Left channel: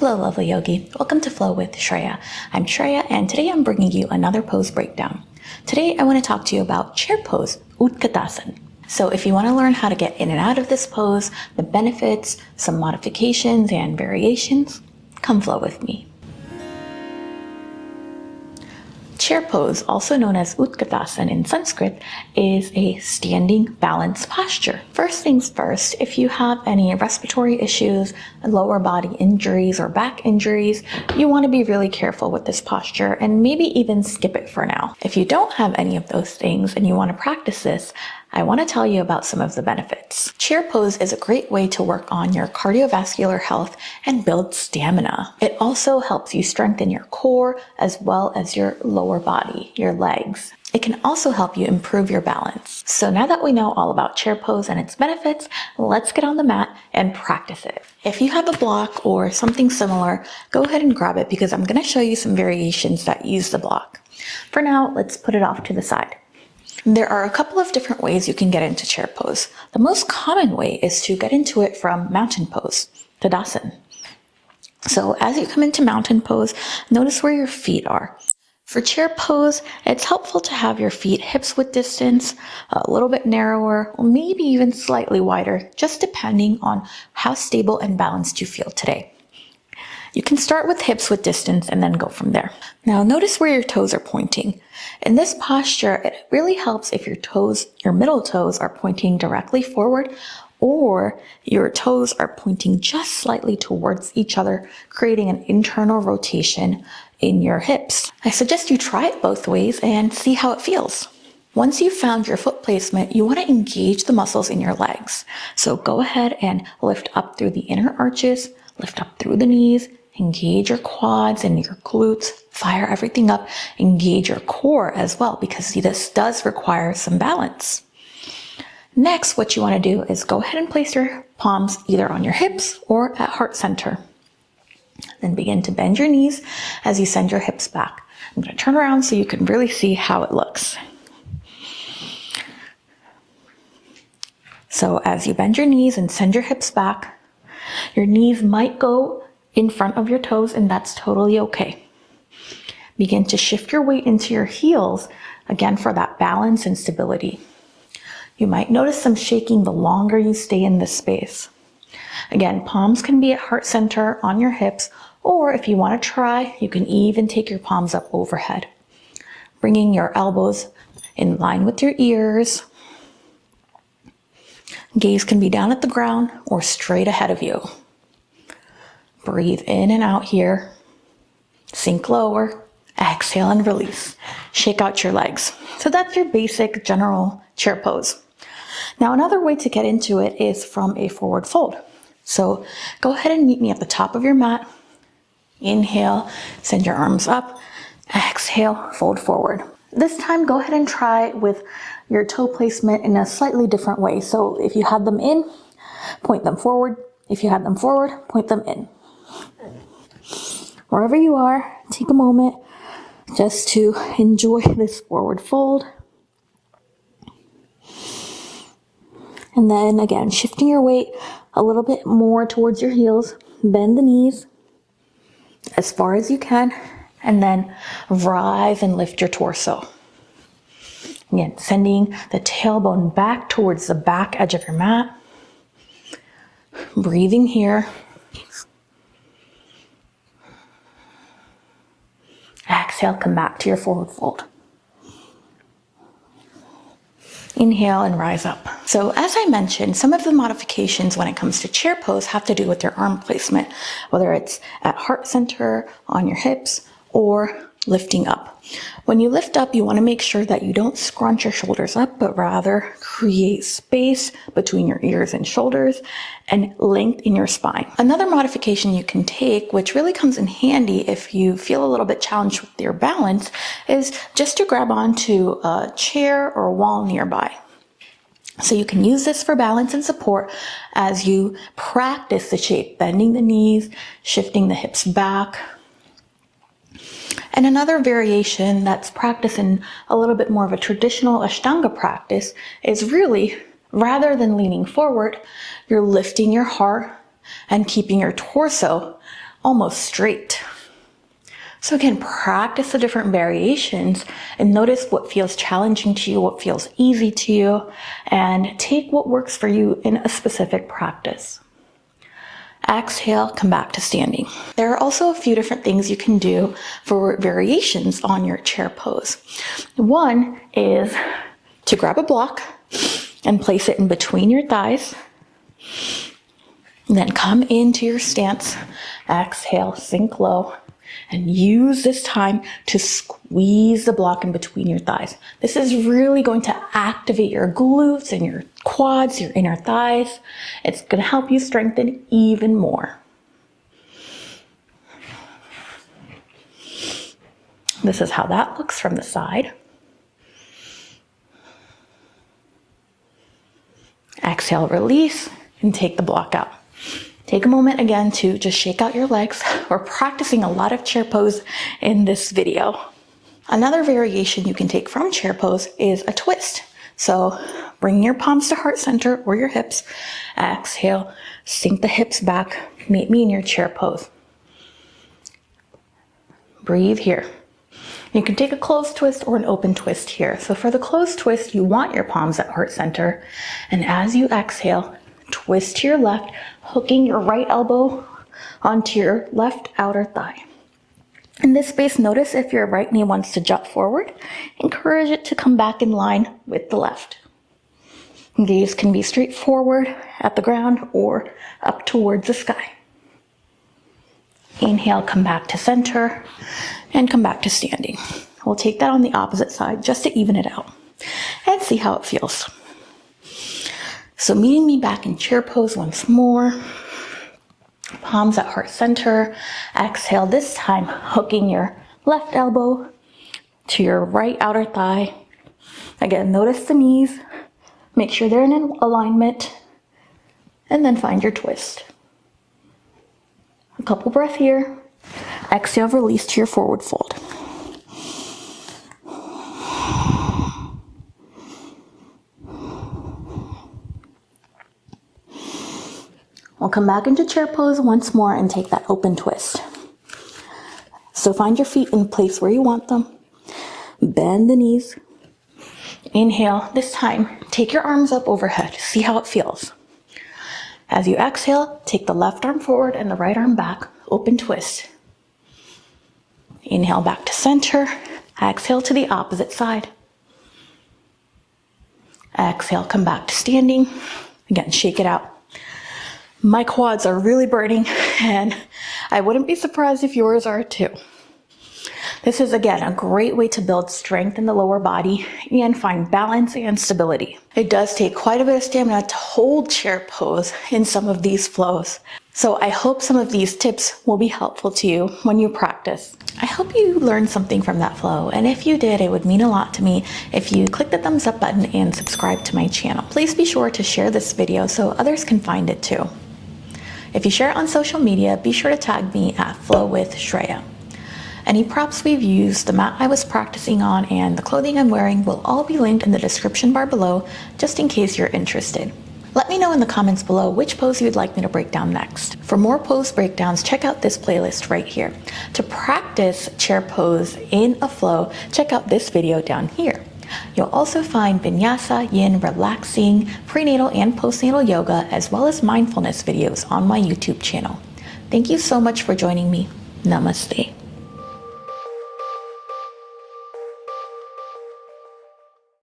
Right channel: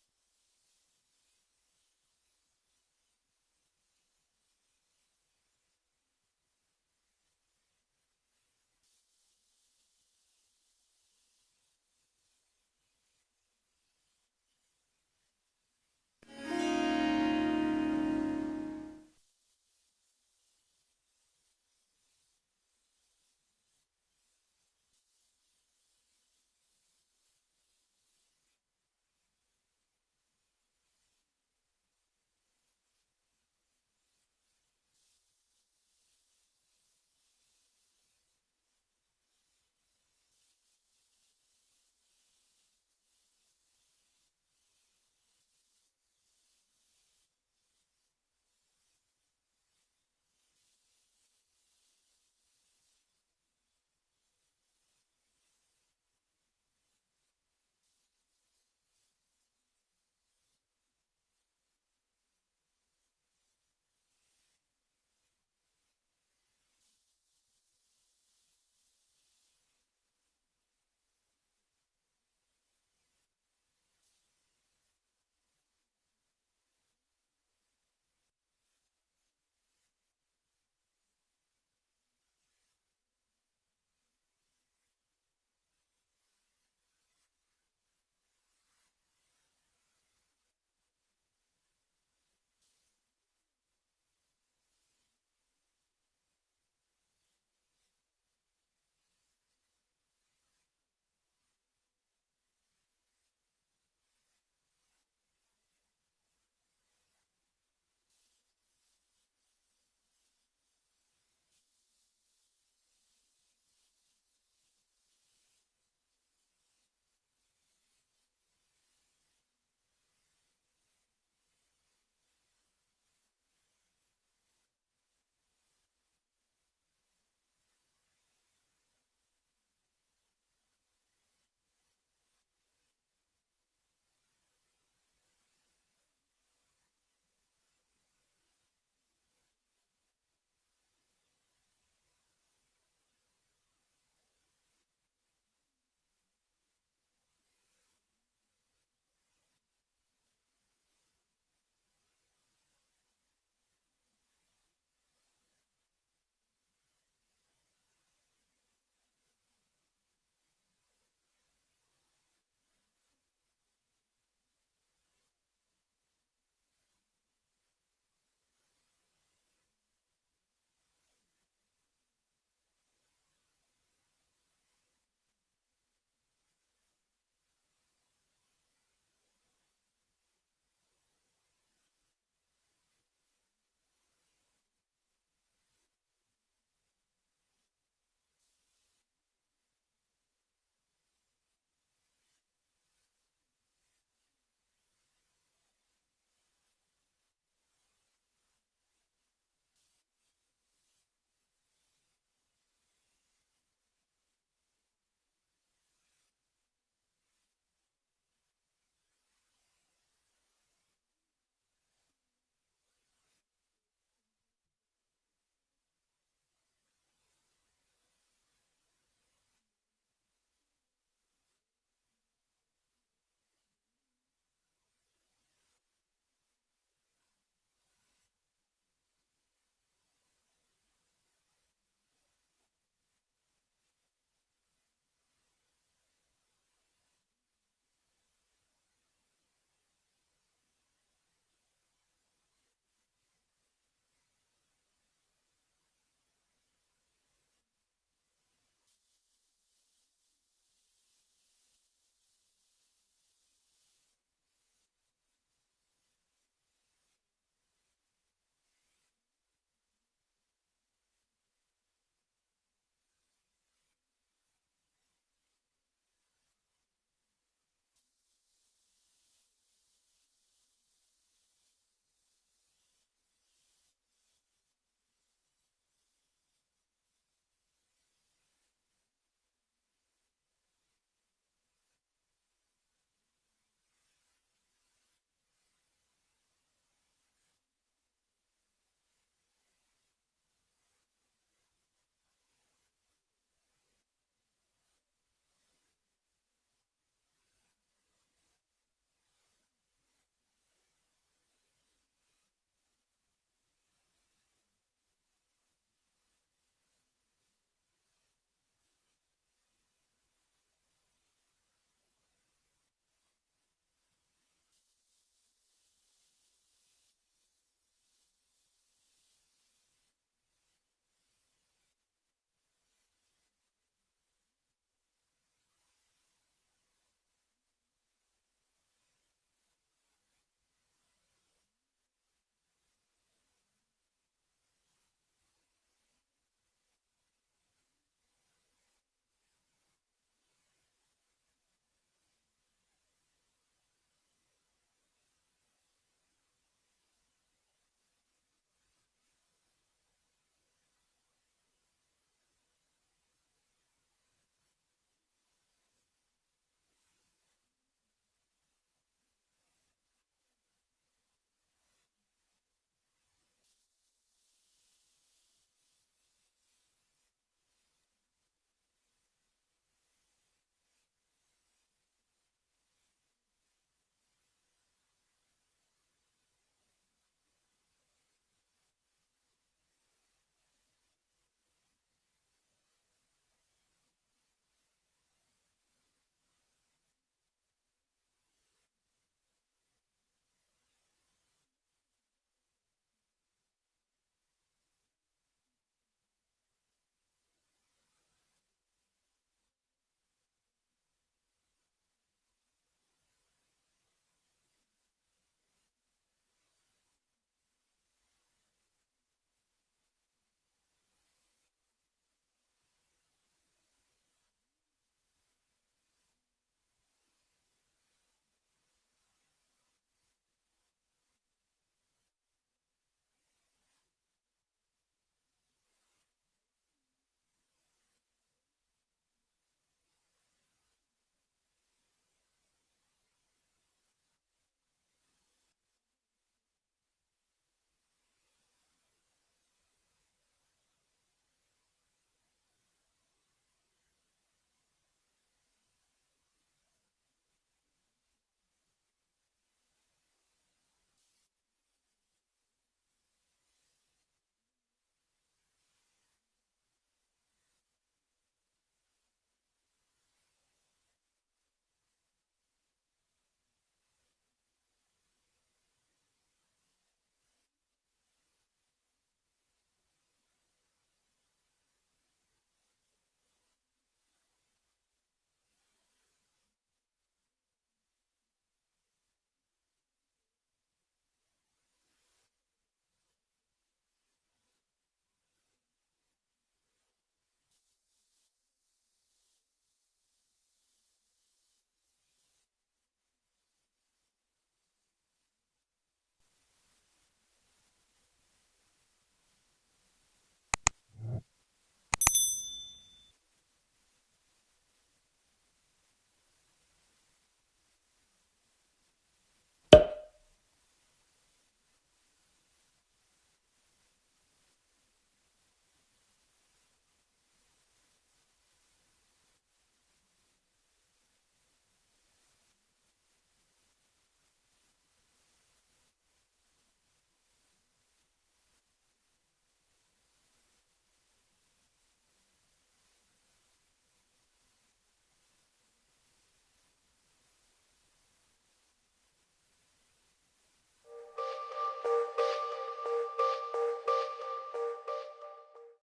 Hello, lovely yogi. Welcome to Flow with Shreya. I'm Shreya, and today I'm bringing you another pose breakdown. Today I want to talk to you about chair pose, Utkatasana. So if you want to learn how to get in and out of this pose, the benefits, some modifications and variations, come flow with me. Chair pose, also known as Utkatasana in Sanskrit, is a standing balance posture. First things first, if you have any respiratory issues, lower body injuries, or back injuries, you want to be really careful with this posture and maybe even skip it for now. If you don't have any of those things and you want to practice this, I want to tell you about some of the benefits. Chair pose is a great way to work on your cardiovascular health and build stamina. It also helps you strengthen your core as well as your lower body, your legs. It can also help you improve your balance. So now that we know all about chair pose and its benefits, let's get on the mat and practice it. If you have a block or something similar, go ahead and grab it because I'm going to show you some variations that use the block. For now, let's put it off to the side. There are a couple of different ways you can get into chair pose. The most common way is to get into it from mountain pose, Tadasana. So as you come into mountain pose, notice where your feet are. For chair pose, it's helpful to have your feet hips width distance, a little bit narrower, or maybe even slightly wider, just depending on how stable and balanced you feel today. You can start with hips width distance and then go from there. Now notice where your toes are pointing. In this posture, it really helps if your middle toes are pointing directly forward or your toes are pointing just slightly towards each other, creating an internal rotation in your hips. I suggest you try it both ways and see how it feels. Once you've found your foot placement, you want to engage the muscles in your legs. So go ahead and lift up through the inner arches, lift up through the knees, engage your quads and your glutes, fire everything up, engage your core as well, because this does require some balance. Next, what you want to do is go ahead and place your palms either on your hips or at heart center. Then begin to bend your knees as you send your hips back. I'm going to turn around so you can really see how it looks. So as you bend your knees and send your hips back, your knees might go in front of your toes, and that's totally okay. Begin to shift your weight into your heels, again for that balance and stability. You might notice some shaking the longer you stay in this space. Again, palms can be at heart center on your hips, or if you want to try, you can even take your palms up overhead. Bringing your elbows in line with your ears. Gaze can be down at the ground or straight ahead of you. Breathe in and out here. Sink lower. Exhale and release. Shake out your legs. So that's your basic general chair pose. Now another way to get into it is from a forward fold. So go ahead and meet me at the top of your mat. Inhale, send your arms up. Exhale, fold forward. This time go ahead and try with your toe placement in a slightly different way. So if you had them in, point them forward. If you had them forward, point them in. Wherever you are, take a moment just to enjoy this forward fold. And then again, shifting your weight a little bit more towards your heels. Bend the knees as far as you can, and then rise and lift your torso. Again, sending the tailbone back towards the back edge of your mat. Breathing here. Exhale, come back to your forward fold. Inhale and rise up. So as I mentioned, some of the modifications when it comes to chair pose have to do with your arm placement, whether it's at heart center, on your hips, or lifting up. When you lift up, you want to make sure that you don't scrunch your shoulders up, but rather create space between your ears and shoulders and length in your spine. Another modification you can take, which really comes in handy if you feel a little bit challenged with your balance, is just to grab onto a chair or a wall nearby. So you can use this for balance and support as you practice the shape, bending the knees, shifting the hips back. And another variation that's practiced in a little bit more of a traditional Ashtanga practice is really, rather than leaning forward, you're lifting your heart and keeping your torso almost straight. So again, practice the different variations and notice what feels challenging to you, what feels easy to you, and take what works for you in a specific practice. Exhale, come back to standing. There are also a few different things you can do for variations on your chair pose. One is to grab a block and place it in between your thighs. And then come into your stance. Exhale, sink low. And use this time to squeeze the block in between your thighs. This is really going to activate your glutes and your quads, your inner thighs. It's going to help you strengthen even more. This is how that looks from the side. Exhale, release, and take the block out. Take a moment again to just shake out your legs. We're practicing a lot of chair pose in this video. Another variation you can take from chair pose is a twist. So bring your palms to heart center or your hips. Exhale, sink the hips back. Meet me in your chair pose. Breathe here. You can take a closed twist or an open twist here. So for the closed twist, you want your palms at heart center. And as you exhale, twist to your left, hooking your right elbow onto your left outer thigh. In this space, notice if your right knee wants to jut forward. Encourage it to come back in line with the left. Gaze can be straight forward at the ground or up towards the sky. Inhale, come back to center and come back to standing. We'll take that on the opposite side just to even it out and see how it feels. So meeting me back in chair pose once more. Palms at heart center. Exhale, this time hooking your left elbow to your right outer thigh. Again, notice the knees. Make sure they're in alignment. And then find your twist. A couple breaths here. Exhale, release to your forward fold. We'll come back into chair pose once more and take that open twist. So find your feet in the place where you want them. Bend the knees. Inhale. This time, take your arms up overhead. See how it feels. As you exhale, take the left arm forward and the right arm back. Open twist. Inhale back to center. Exhale to the opposite side. Exhale, come back to standing. Again, shake it out. My quads are really burning, and I wouldn't be surprised if yours are too. This is, again, a great way to build strength in the lower body and find balance and stability. It does take quite a bit of stamina to hold chair pose in some of these flows. So I hope some of these tips will be helpful to you when you practice. I hope you learned something from that flow, and if you did, it would mean a lot to me if you click the thumbs up button and subscribe to my channel. Please be sure to share this video so others can find it too. If you share it on social media, be sure to tag me at Flow with Shreya. Any props we've used, the mat I was practicing on, and the clothing I'm wearing will all be linked in the description bar below, just in case you're interested. Let me know in the comments below which pose you'd like me to break down next. For more pose breakdowns, check out this playlist right here. To practice chair pose in a flow, check out this video down here. You'll also find vinyasa, yin, relaxing, prenatal and postnatal yoga, as well as mindfulness videos on my YouTube channel. Thank you so much for joining me. Namaste.